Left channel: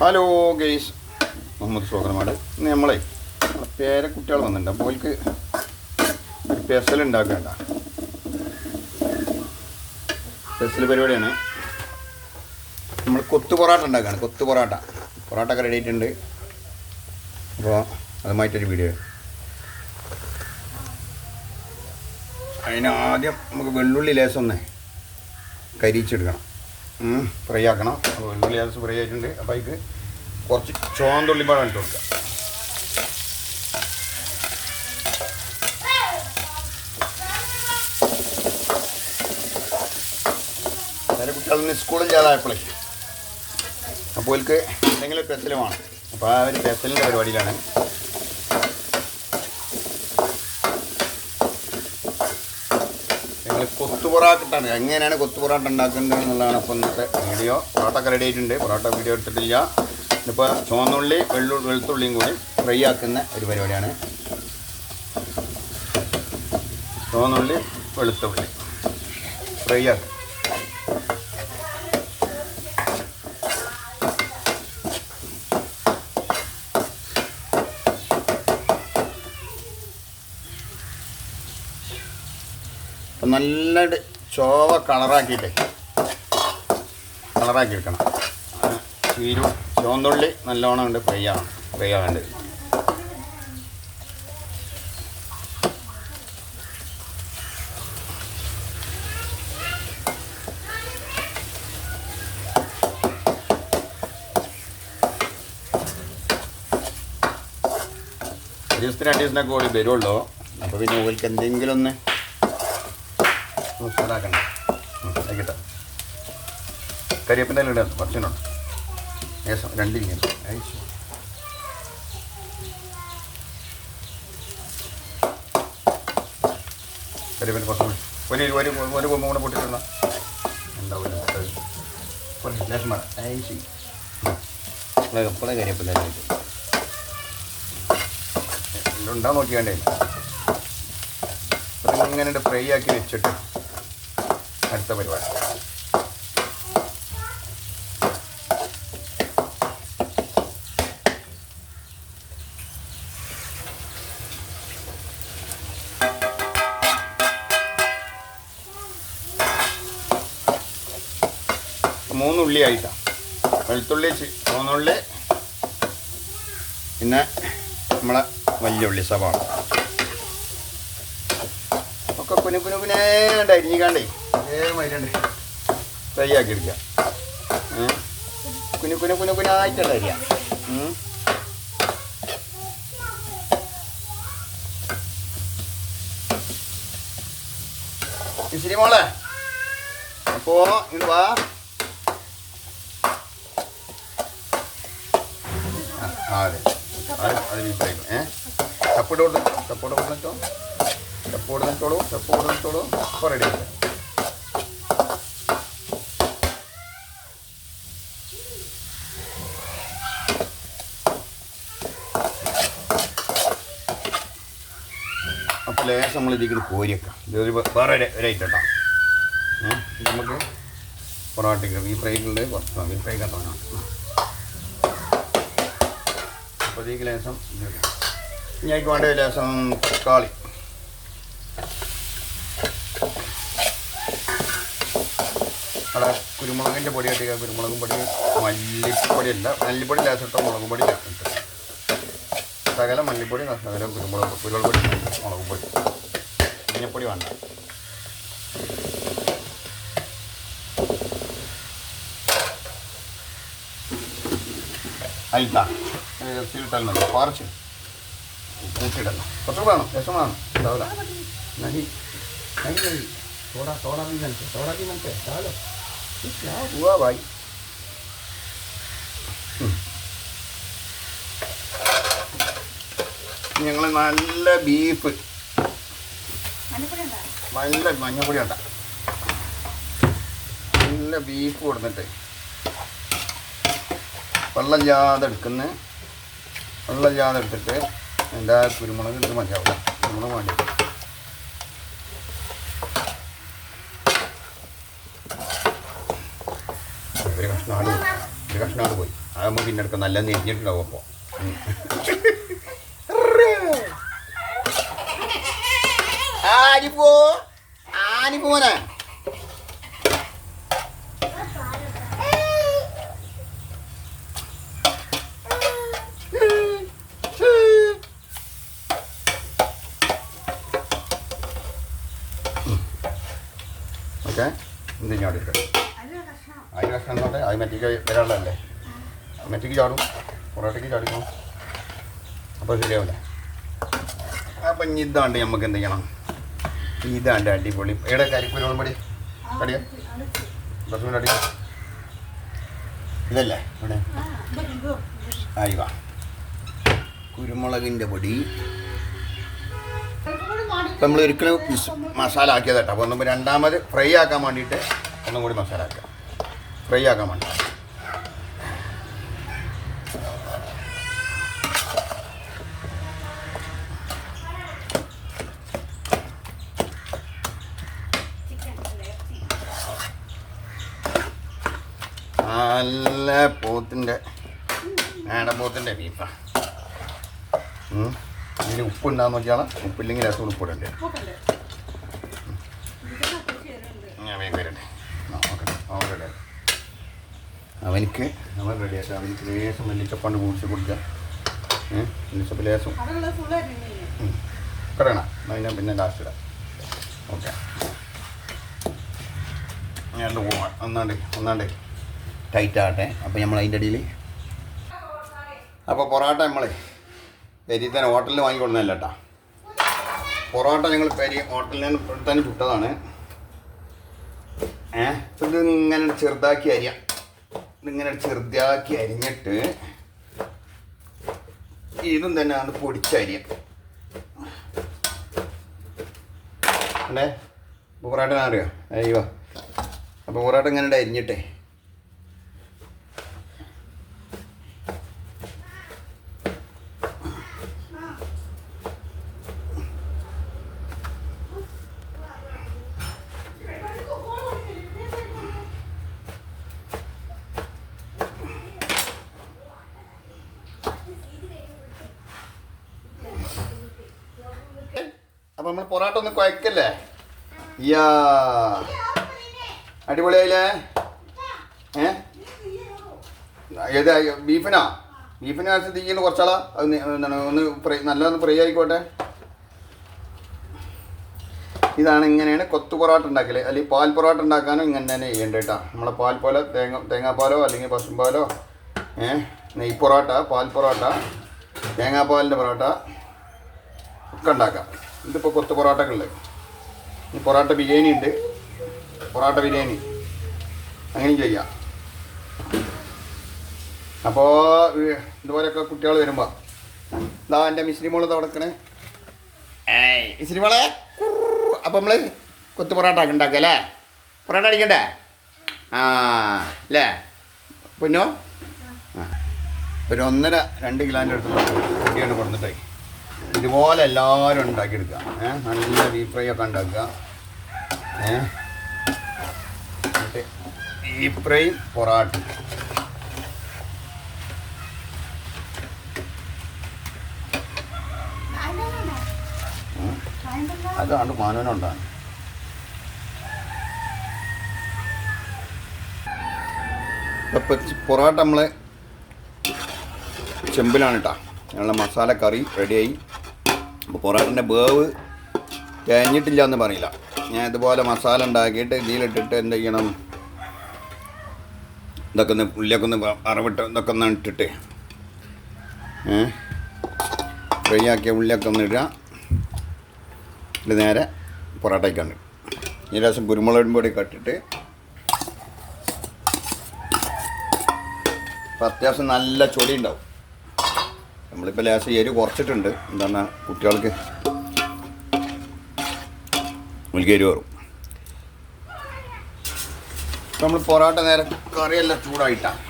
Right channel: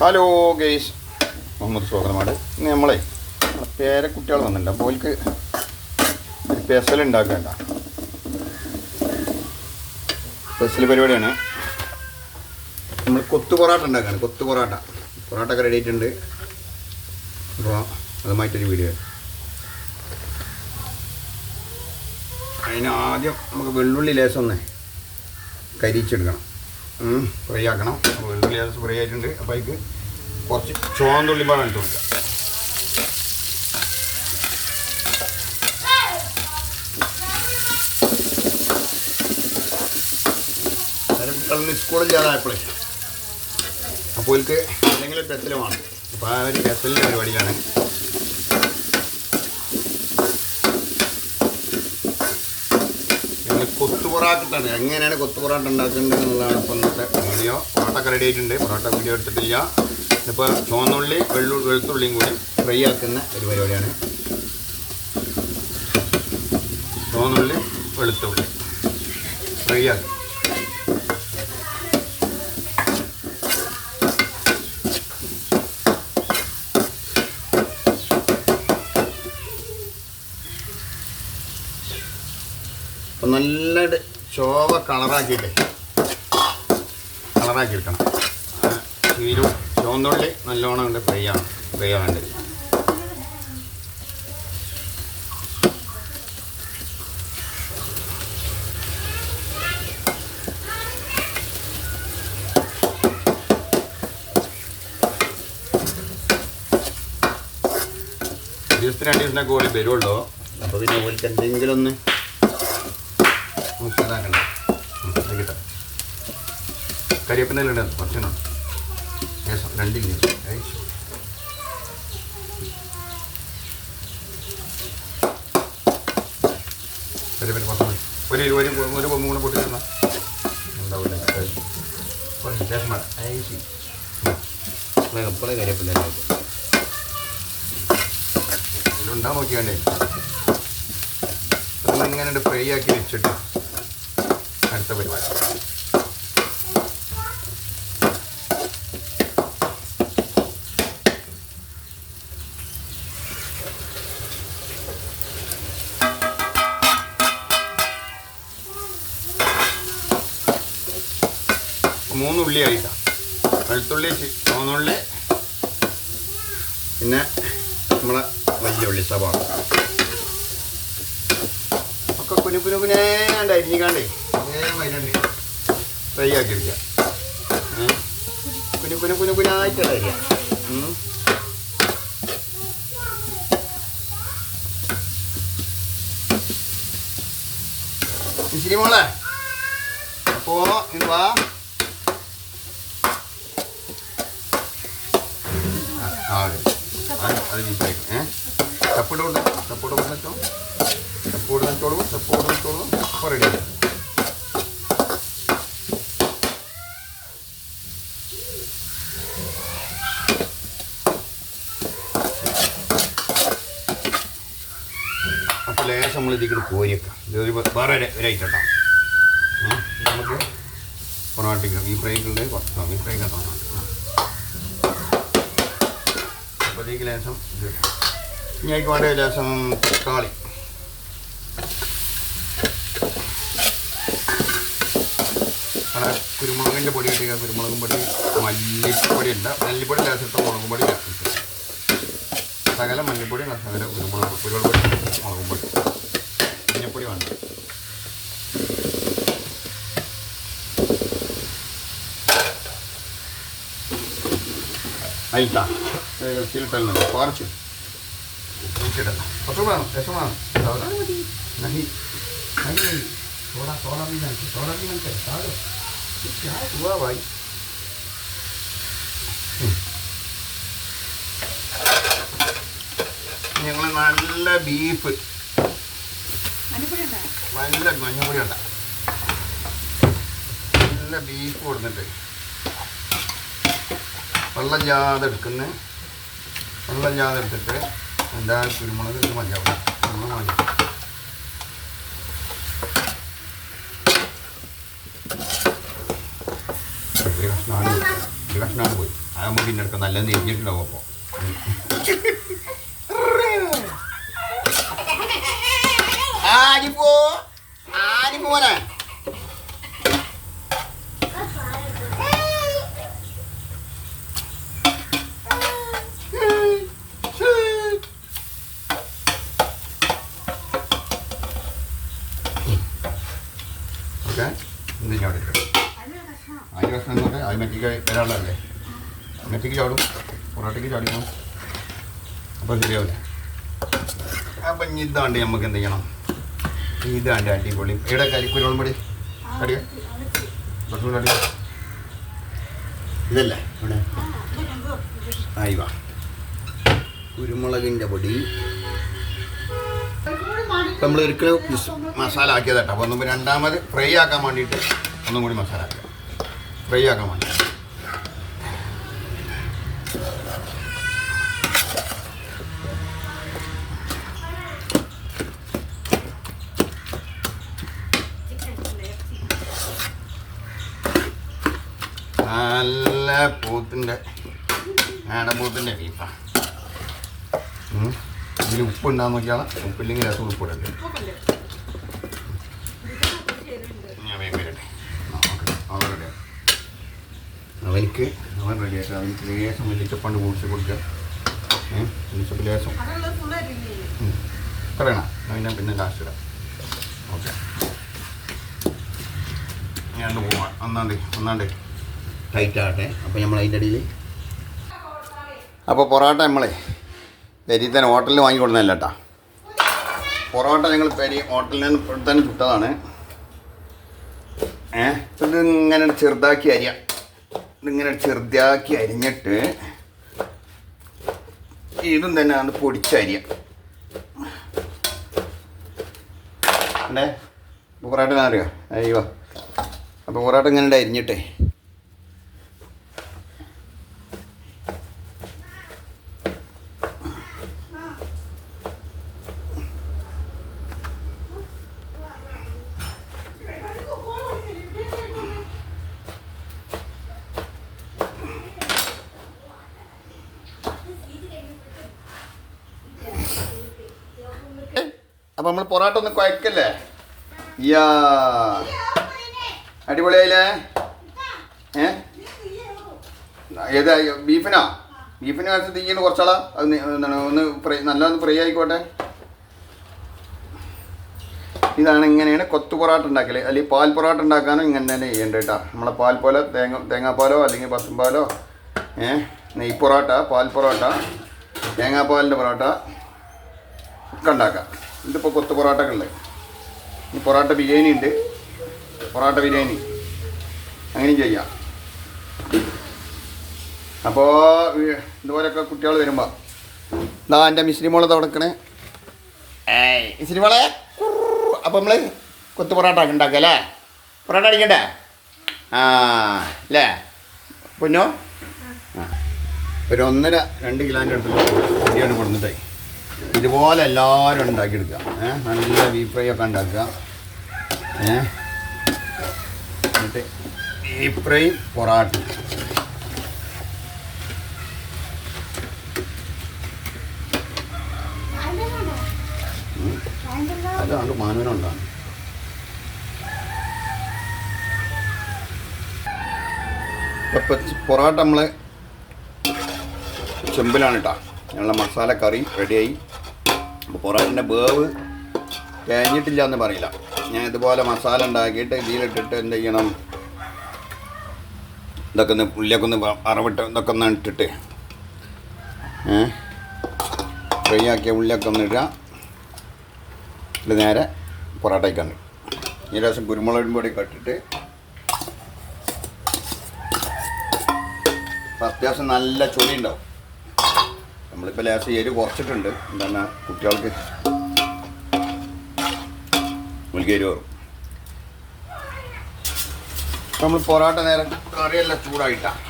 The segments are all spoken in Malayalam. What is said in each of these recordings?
Hello guys, Muhammad സ്വാഗതമാണ്. ഇന്ന് നമ്മളെ പേരക്കുട്ടികൾ വന്നിട്ടുണ്ട്. അപ്പോൾ അവർക്ക് ഒരു പെസൽ ഉണ്ടാക്കേണ്ട പെസൽ പരിപാടിയാണ്. നമ്മൾ കൊത്തു പൊറാട്ട ഉണ്ടാക്കുകയാണ്. കൊത്തു പൊറാട്ട ഒക്കെ റെഡി ആയിട്ടുണ്ട്. അപ്പോൾ അതുമായിട്ടൊരു വീഡിയോ. അതിന് ആദ്യം നമുക്ക് വെള്ളുള്ളി ലേശം ഒന്ന് കരിച്ചെടുക്കണം, ഫ്രൈ ആക്കണം. വെള്ളുള്ളി ലേശം ഫ്രൈ ആയിട്ടുണ്ട്. അപ്പോൾ അതിക്ക് കുറച്ച് ചുവന്നുള്ളി പാടെ എടുത്ത് കൊടുക്കുക. അതിന് കുട്ടികളൊന്ന് സ്കൂളിൽ ചെയ്യാതായപ്പോഴേ അപ്പോൾ അവർക്ക് എന്തെങ്കിലും പെസൽ വേണം. അപ്പോൾ ആ ഒരു പെസലിൻ്റെ പരിപാടിയിലാണ്. കൊത്തു പൊറാട്ട ഇട്ടാണ്. എങ്ങനെയാണ് കൊത്തു പൊറാട്ട ഉണ്ടാക്കുന്നത് എന്നുള്ളതാണ് ഇപ്പോൾ ഇന്നത്തെ വീഡിയോ. പൊറോട്ടൊക്കെ റെഡി ആയിട്ടുണ്ട്. പൊറോട്ട വീഡിയോ എടുത്തിട്ടില്ല. ഇപ്പോൾ ചുവന്നുള്ളി വെളുത്തുള്ളിയും കൂടി ഫ്രൈ ആക്കുന്ന ഒരു പരിപാടിയാണ്. ചുവന്നുള്ളി വെളുത്തുള്ളി ഫ്രൈ ആക്കും. നല്ല ചോവ കളറാക്കി എടുക്കണം. ചുവന്നുള്ളി നല്ലോണം ഉണ്ട് ഫ്രൈ ആവേണ്ടത്. ദിവസത്തിന് 2 ദിവസത്തിനൊക്കെ കൂടി വരുള്ളൂ. അപ്പോൾ പിന്നെ ഓർക്ക് എന്തെങ്കിലും ഒന്ന് മസാലാക്കണ്ട. മസാല കരിവേപ്പിൻ്റെ ഇടാം. കുറച്ചിനുണ്ട് ശേഷം 2 ഇഞ്ച് കരിവേപ്പിന് കുറച്ച് ഒരു മൂന്ന് പൊട്ടിട്ടുള്ള ഉണ്ടാവില്ല. ശേഷം എപ്പോഴും കരിവേപ്പിൻ്റെ ഉണ്ടാ നോക്കിയാണ്ടേ ഇങ്ങനെ ഫ്രൈ ആക്കി വെച്ചിട്ട് അടുത്ത പരിപാടി. മൂന്നുള്ളി ആയിട്ടാണ്. വെളുത്തുള്ളി, ചുവന്നുള്ളി, പിന്നെ നമ്മളെ വലിയ ഉള്ളി സവാള ഒക്കെ കുനുകുനുകുനേണ്ട് അരിഞ്ഞിക്കാണ്ടേ നേരമായിട്ടുണ്ട് ഫ്രൈ ആക്കി എടുക്കുക. കുനുകുനായിട്ടാണ് അരിയുക. ഇച്ചിരി മോളെ അപ്പോൾ ഇടുവാ. അതെ അത് ബീഫായിരിക്കും. ചപ്പിടോട്ട് ചപ്പോട് അപ്പോൾ റെഡി. അപ്പോൾ ലേശം നമ്മൾ ഇതിലേക്ക് കോരിയൊക്കെ ഇതൊരു വേറെ ഒരു ഐറ്റം കേട്ടോ. നമുക്ക് പൊറോട്ടയ്ക്ക് ഈ ഫ്രൈക്കുള്ള കുറച്ച് ഈ ഫ്രൈ കണ്ടാണ്. അപ്പോൾ ഇതിലേക്ക് ലേശം ഇത് ഇനിക്ക് വേണ്ട ലേശം തക്കാളി, കുരുമുളകിൻ്റെ പൊടി ഇട്ടുക. കുരുമുളകും പൊടി, മല്ലിപ്പൊടി ഉണ്ട്. മല്ലിപ്പൊടി ലേശിട്ട മുളകും പൊടി സകല മല്ലിപ്പൊടി, സകല കുരുമുളക് പൊടി, മുളകും പൊടി, മഞ്ഞപ്പൊടി വേണ്ട. അതിട്ടാ ഇറച്ചിയിലിട്ടല്ല കുറച്ച് കൂട്ടിയിടല്ല. കുറച്ച് വേണം, രസം വേണം. നഹി थोड़ा भी मनते चलो क्या हुआ भाई. ഞങ്ങൾ നല്ല ബീഫ്, നല്ല മഞ്ഞപ്പൊടി ഉണ്ട, നല്ല ബീഫ് കൊടുത്തിട്ട് വെള്ളം ജാതെ എടുത്തിട്ട് എന്താ കുരുമുളക് ഇത് മതിയാവില്ല. കുരുമുളക് മതി. ഒരു കഷ്ണമാണ് പോയി. അതാകുമ്പോൾ പിന്നെ എടുക്കാം നല്ല നെരിഞ്ഞിട്ടുണ്ടാവും അപ്പോൾ ആനിപ്പോനെ ഓക്കെ ഇന്നിങ്ങോട്ട് അതിന് പ്രശ്നം എന്നൊക്കെ അത് മെറ്റിക്ക് വരാനുള്ളതല്ലേ മെറ്റിക്ക് ചാടും പൊറോട്ടയ്ക്ക് ചാടിക്കണം അപ്പോൾ ശരിയാവില്ല അപ്പം ഇനി ഇതാണ്ട് നമുക്ക് എന്ത് ചെയ്യണം ഇതാണ്ട് അടിപൊളി എവിടെ കരിക്കുരുളം പൊടി അടിയാ കുറച്ചുകൂടി അടിയാ ഇതല്ലേ ഇവിടെ ആയിവാ കുരുമുളകിൻ്റെ പൊടി നമ്മൾ ഒരിക്കലും മസാല ആക്കിയത് കേട്ടോ അപ്പോൾ നമ്മൾ രണ്ടാമത് ഫ്രൈ ആക്കാൻ വേണ്ടിയിട്ട് ഒന്നും കൂടി മസാല ആക്കുക ഫ്രൈ ആക്കാൻ വേണ്ടി നല്ല പോത്തിൻ്റെ ആടപ്പോത്തിൻ്റെ ബീഫാണ് ഇതിൽ ഉപ്പുണ്ടാന്ന് നോക്കിയാൽ ഉപ്പില്ലെങ്കിൽ രസം ഉപ്പിടണ്ടേ ഞാൻ വേഗം വരട്ടെ അവനിക്ക് അവൻ റെഡിയാക്കാം അവനിക്ക് ലേശം വെള്ളിച്ചപ്പാണ്ട് കൂടിച്ച് കൊടുക്കുക വെള്ളിച്ചപ്പ് ലേശം പറയണം അതിനെ പിന്നെ ലാസ്റ്റ് ഇടാം ഓക്കെ ഞാൻ പോവാം ഒന്നാണ്ട് ടൈറ്റ് ആകട്ടെ അപ്പോൾ നമ്മൾ അതിൻ്റെ ഇടയിൽ അപ്പോൾ പൊറോട്ട നമ്മളെ പെരിയിൽ തന്നെ ഹോട്ടലിൽ വാങ്ങിക്കൊടുന്നതല്ല കേട്ടോ പൊറോട്ട ഞങ്ങൾ ഹോട്ടലിൽ തന്നെ ചുട്ടതാണ് ഇതിങ്ങനെ ചെറുതാക്കി അരിയാം ഇതിങ്ങനെ ചെറുതാക്കി അരിഞ്ഞിട്ട് ഇതും തന്നെ അത് പൊടിച്ചരിയാം അല്ലേ പൊറോട്ട ഞാൻ അറിയാം അയ്യോ അപ്പോൾ പൊറോട്ട ഇങ്ങനെ അരിഞ്ഞിട്ടേ അപ്പോൾ നമ്മൾ പൊറോട്ട ഒന്ന് കുഴക്കല്ലേ യാ അടിപൊളിയായില്ലേ ഏതാ ബീഫിനോ വെച്ച് തീയ്യിൽ കുറച്ചാളാ അത് എന്താണ് ഒന്ന് നല്ലൊന്ന് ഫ്രൈ ആയിക്കോട്ടെ ഇതാണ് ഇങ്ങനെയാണ് കൊത്തു പൊറോട്ട ഉണ്ടാക്കല് അല്ലെങ്കിൽ പാൽ പൊറോട്ട ഉണ്ടാക്കാനും ഇങ്ങനെ തന്നെ ചെയ്യേണ്ടത് കേട്ടോ നമ്മളെ പാൽ പോലെ തേങ്ങാപ്പാലോ അല്ലെങ്കിൽ പശുമ്പാലോ നെയ് പൊറോട്ട പാൽ പൊറോട്ട തേങ്ങാപ്പാലിൻ്റെ പൊറോട്ട ഒക്കെ ഉണ്ടാക്കാം ഇതിപ്പോൾ കൊത്തു പൊറോട്ടയൊക്കെ ഉണ്ട് ഈ പൊറോട്ട ബിരിയാണി ഉണ്ട് പൊറോട്ട ബിരിയാണി അങ്ങനെയും ചെയ്യാം അപ്പോൾ ഇതുപോലെയൊക്കെ കുട്ടികൾ വരുമ്പോൾ ഇതാ എൻ്റെ മിശ്രി മോള് തുടക്കണേ മിശ്രി മോളെ അപ്പോൾ നമ്മൾ കൊത്തു പൊറോട്ട ഉണ്ടാക്കുക അല്ലേ പൊറോട്ട അടിക്കണ്ടേ അല്ലേ പൊന്നോ ഒരു 1.5-2 കിലോൻ്റെ അടുത്ത് പൊടിയാണ് കൊടുത്തിട്ടേ ഇതുപോലെ എല്ലാവരും ഉണ്ടാക്കിയെടുക്കുക നല്ല ബീഫ് ഫ്രൈ ഒക്കെ ഉണ്ടാക്കുക എന്നിട്ട് ബീഫ് ഫ്രൈ പൊറാട്ട അതാണ് മാനവനുണ്ടാണ് അപ്പം പൊറാട്ട നമ്മളെ ചെമ്പിലാണ് കേട്ടോ ഞങ്ങളുടെ മസാല കറി റെഡിയായി അപ്പോൾ പൊറോട്ടൻ്റെ വേവ് കഴിഞ്ഞിട്ടില്ല എന്ന് പറയില്ല ഞാൻ ഇതുപോലെ മസാല ഉണ്ടാക്കിയിട്ട് ഇതിലിട്ടിട്ട് എന്ത് ചെയ്യണം ഇതൊക്കെ ഒന്ന് ഉള്ളിയൊക്കെ ഒന്ന് അറവിട്ട് ഇതൊക്കെ ഒന്ന് ഇട്ടിട്ട് ഫ്രൈ ആക്കിയ ഉള്ളിയൊക്കെ ഒന്ന് ഇടുക ഇത് നേരെ പൊറോട്ടയ്ക്കാണ് ഈ ലേശം കുരുമുളകും പൊടിയൊക്കെ ഇട്ടിട്ട് അത്യാവശ്യം നല്ല ചൊടി ഉണ്ടാവും നമ്മളിപ്പോൾ ലേശം എരി കുറച്ചിട്ടുണ്ട് എന്താണ് കുട്ടികൾക്ക് എരി കയറും നമ്മൾ പൊറോട്ട നേരം കറിയെല്ലാം ചൂടായിട്ടാണ്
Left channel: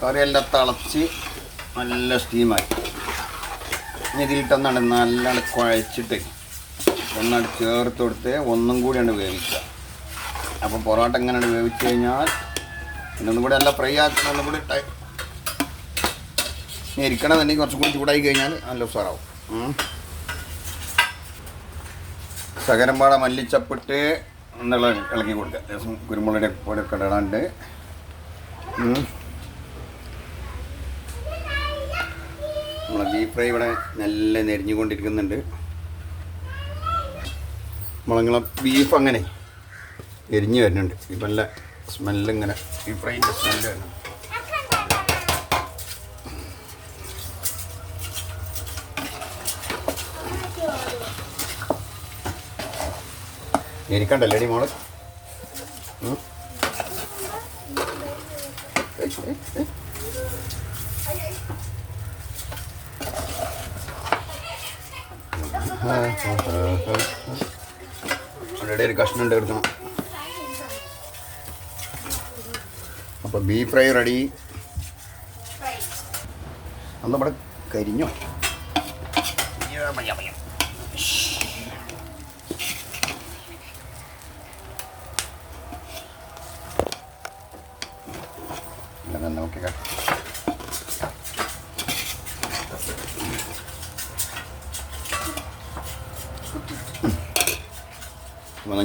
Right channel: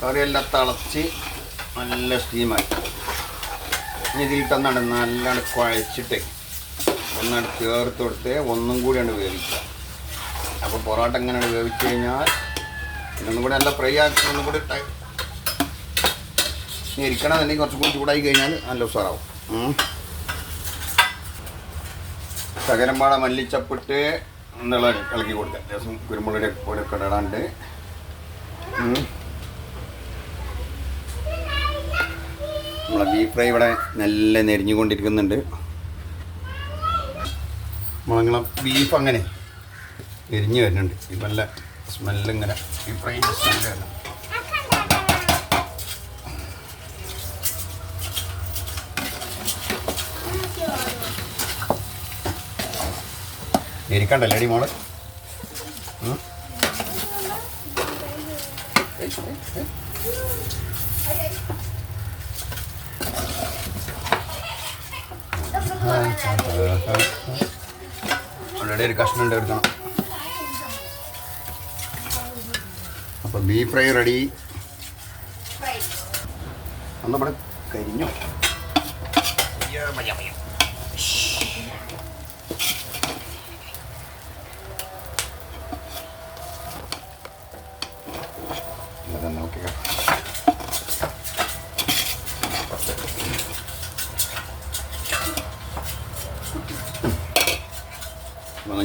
കറിയെല്ലാം തിളച്ച് നല്ല സ്റ്റീമായി ഇനി ഇതിലിട്ടൊന്നാണ് നല്ലോണം കുഴച്ചിട്ട് ഒന്നാണ് ചേർത്ത് കൊടുത്ത് ഒന്നും കൂടിയാണ് വേവിക്കുക അപ്പോൾ പൊറോട്ട എങ്ങനെയാണ് വേവിച്ച് കഴിഞ്ഞാൽ ഇതൊന്നും കൂടി നല്ല ഫ്രൈ ആക്കി ഒന്നും കൂടി ഇരിക്കണമെന്നുണ്ടെങ്കിൽ കുറച്ചും കൂടി ചൂടായി കഴിഞ്ഞാൽ നല്ല ഉസാറാവും. തകരമ്പാട മല്ലിച്ചപ്പിട്ട് എന്നുള്ള ഇളക്കി കൊടുക്കുക. ദിവസം കുരുമുളകിൻ്റെ പോലൊക്കെ ഇടാണ്ട് നമ്മളെ ബീഫ് ഫ്രൈ ഇവിടെ നല്ല നെരിഞ്ഞുകൊണ്ടിരിക്കുന്നുണ്ട്. നമ്മളങ്ങനെ ബീഫ് അങ്ങനെ എരിഞ്ഞ് വരുന്നുണ്ട്. ഇപ്പം നല്ല സ്മെല്ലിങ്ങനെ ബീഫ് ഫ്രൈൻ്റെ സ്മെല്ല് വരുന്നു. ഇരിക്കണ്ടല്ലേ അടി മോള്. ഓൾറെഡി ഒരു കഷ്ണം ഉണ്ട് എടുക്കണം. അപ്പോൾ ബീഫ് ഫ്രൈ റെഡി. നമ്മുടെ കരിഞ്ഞു. നോക്കിക്കാം.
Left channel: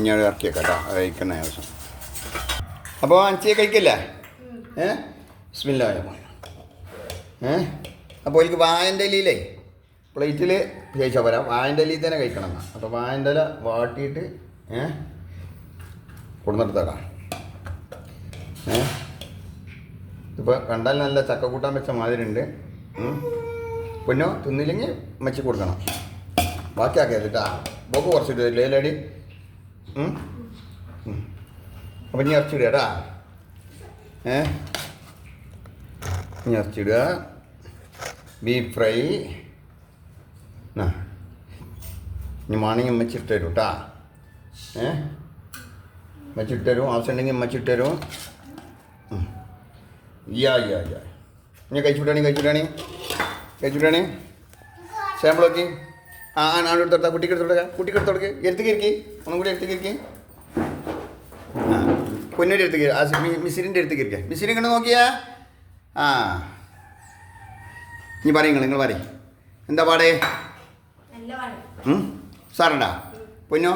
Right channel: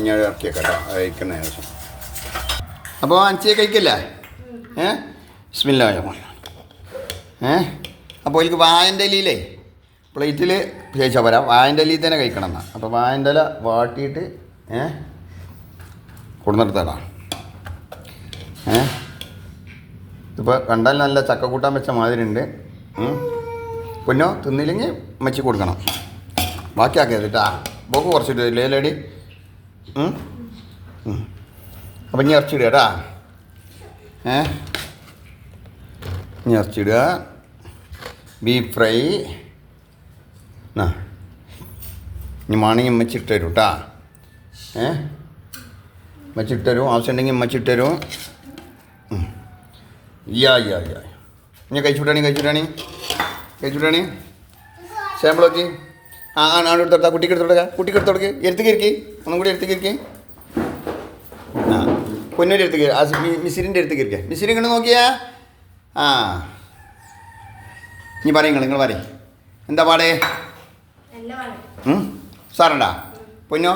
ഞാൻ ഇറക്കിയേക്കാം കേട്ടോ. കഴിക്കുന്ന ദിവസം അപ്പോൾ അഞ്ചിയെ കഴിക്കില്ലേ? ബിസ്മില്ലാ. അപ്പോൾ എനിക്ക് വാഴൻ്റെ ഇലയിലേ പ്ലേറ്റിൽ ചോദിച്ചാൽ പോരാ, വാഴൻ്റെ ഇലയിൽ തന്നെ കഴിക്കണം എന്നാൽ. അപ്പോൾ വാഴൻ്റെ ഇല വാട്ടിയിട്ട് കൊടുന്നെടുത്താടാ. ഇപ്പോൾ കണ്ടാൽ നല്ല ചക്ക കൂട്ടാൻ വെച്ച മാതിരി ഉണ്ട്. പൊന്നോ തിന്നില്ലെങ്കിൽ മച്ചി കൊടുക്കണം. ബാക്കിയാക്കിയത് കേട്ടാ. ബോക്ക് കുറച്ചിട്ട് ലേലടി. അപ്പം ഇനി ഇറച്ചിടുക കേട്ടാ. ഇനി ഇറച്ചിടുക. ബീഫ് ഫ്രൈ ഇനി മാണെങ്കിൽ ഉമ്മച്ചിട്ട് തരും കേട്ടാ. ഉമ്മച്ചിട്ട് തരും. ആവശ്യമുണ്ടെങ്കിൽ ഉമ്മച്ചിട്ട് തരും. യാ ഇനി കഴിച്ചുവിട്ടാണി സാമ്പിൾ നോക്കി. എടുത്തോട്ടാ. കുട്ടിക്ക് എടുത്തോടുക്ക്. എടുത്തേക്ക് ഒന്നും കൂടി എടുത്തേക്ക്. പൊന്നൂരി എടുത്തേക്ക്. മിസിരിൻ്റെ എടുത്തേക്ക്. മിസിരി ഇങ്ങനെ നോക്കിയാ. ഇനി പറയും നിങ്ങൾ പറയും. എന്താ പാടേ? സാറണ്ടാ പൊന്നോ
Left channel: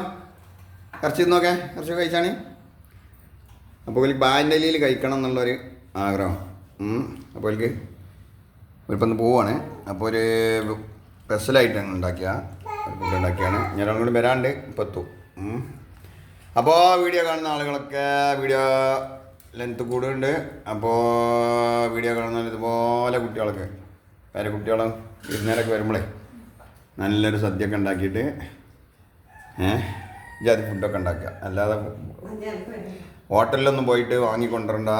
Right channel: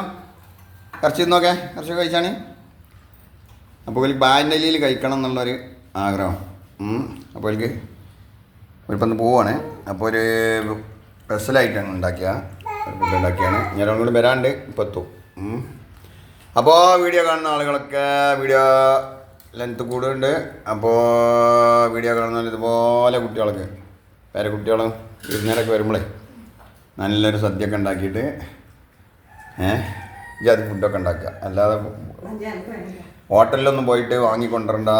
ഇറച്ചി നോക്കേ. ഇറച്ചി കഴിച്ചാണ്. അപ്പോൾ എനിക്ക് ബാൻ്റെ ഇലയിൽ കഴിക്കണം എന്നുള്ളൊരു ആഗ്രഹം. അപ്പോൾ എനിക്ക് ഒരിപ്പം പോവാണ്. അപ്പോൾ ഒരു സ്പെഷ്യലായിട്ടാണ് ഫുഡ് ഉണ്ടാക്കിയാണ്. ഞാൻ കൂടി വരാണ്ട് ഇപ്പോൾ എത്തും. അപ്പോൾ വീഡിയോ കാണുന്ന ആളുകളൊക്കെ വീഡിയോ ലെങ്ത്ത് കൂടുതലുണ്ട്. അപ്പോൾ വീഡിയോ കാണുന്ന ഇതുപോലെ കുട്ടികളൊക്കെ പേരക്കുട്ടികളും വിരുന്നേരൊക്കെ വരുമ്പോഴേ നല്ലൊരു സദ്യയൊക്കെ ഉണ്ടാക്കിയിട്ട് ജാതി ഫുഡൊക്കെ ഉണ്ടാക്കുക. അല്ലാതെ ഹോട്ടലിലൊന്നും പോയിട്ട് വാങ്ങിക്കൊണ്ടിരണ്ട.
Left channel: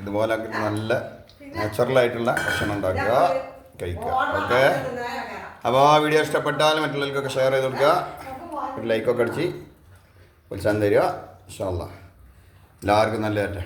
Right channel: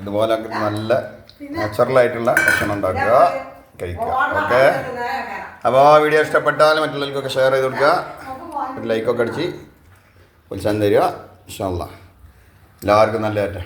ഇതുപോലെ നല്ല നാച്ചുറലായിട്ടുള്ള ഭക്ഷണം ഉണ്ടാക്കുക, കഴിക്കുക. ഓക്കെ. അപ്പോൾ വീഡിയോ ഇഷ്ടപ്പെട്ടാൽ മറ്റുള്ളവർക്കൊക്കെ ഷെയർ ചെയ്ത് കൊടുക്കുക. ഒരു ലൈക്കൊക്കെ അടിച്ച് ഉത്സാഹം തരിക. ഇൻഷാ അല്ലാഹ് എല്ലാവർക്കും നല്ലതായിട്ട്.